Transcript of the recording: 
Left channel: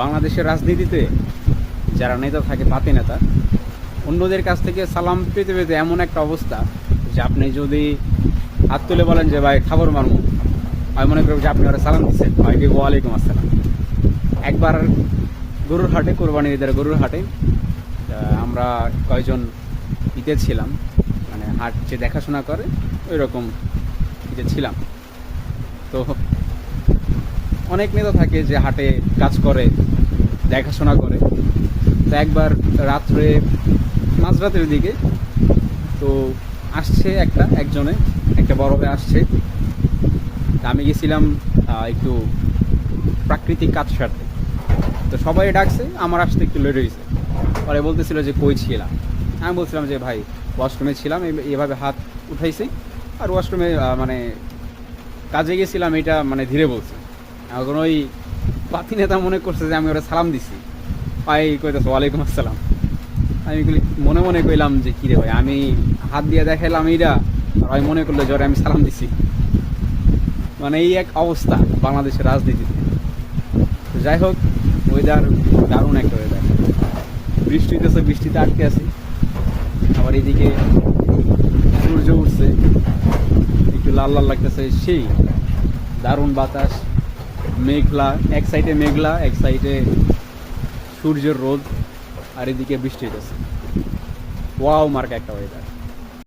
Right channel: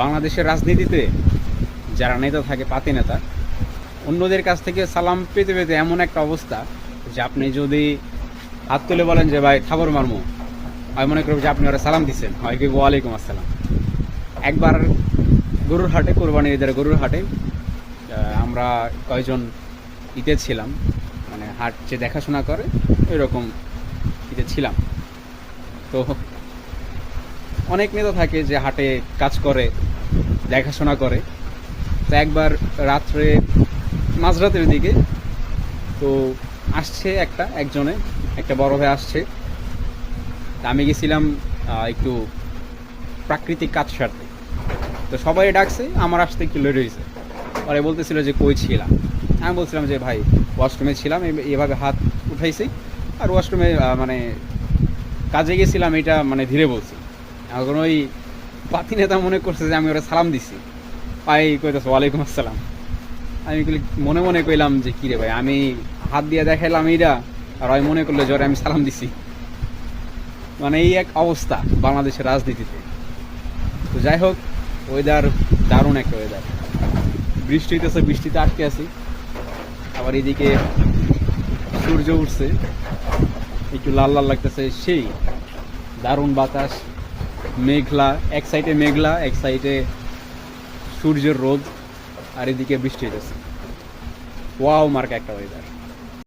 বাংলাদেশের রাজনীতিতে যারা নেতা থাকে, পাতি নেতা, অন্যদের কাছ থেকে সালাম পেতে পেতে এমন একটা অবস্থা যে আপনি যদি হাত তুলে বলেন যে ভাই খাবার মারমু, আমি মনে করব যে আপনি ওরা সালাম দিচ্ছেন, হয় কি ওয়ালাইকুম আসসালাম। একবার গরুর হাটে, কোরবানির ঈদের গরুর হাটে আমরা কয়েকজন ঈদে ছিলাম, মানে হাট যে দেখাশোনা করে ওই রকম ঈদে ছিলাম। তো অনেক নেতা থাকে যে হাটে কাজ করে, দেখাশোনা করে। তো একবার রাত্রে, মাঝরাতের দিকে, তো আসছে একটা বড় ভাই আসছে। তা আমি গেছিলাম একটু প্রাকৃতিক কাজ সারতে। তো সবাই ডাকছে, আমার আসতে একটু লেট হয়েছে। পরে বলতেছিল যে কই ছিলাম, আমি বলছিলাম যে ভাই ওয়াশরুমে ছিলাম, এভাবে হাত উঠাইছি, আর ওয়াশরুমে মানে কাজে গেছিলাম, এটা মানে ধীরে বলছি। এখন ওই পাতি নেতা মনে করছে যে আমি ওরা সালাম দিছি, ভাই কইতেছে ওয়ালাইকুম আসসালাম। আমি মনে মনে কইলাম যে কিরে ভাই, আমি হাত দিয়ে দেখাইলাম এইটা, আর ওই মনে করলো জ্বরে আমি সালাম দিছি। মানে এই এক অবস্থা বাংলাদেশের রাজনীতিতে। তো যাই হোক, ওয়েদার দারুণ একটা ওয়েদার। বৃষ্টি হইতেছে, বৃষ্টিতে আটকে আছি। আবার এদিকে সূর্য উঠছে, একটু লাল লাল লাগতেছে, সেই দারুণ বাতাস, মেঘলা, এক সাইডে মেঘলা, এক সাইডে সূর্যের রোদ, আর এদিকে বৃষ্টি হইতেছে। ওয়াও মার্কা একটা ওয়েদার।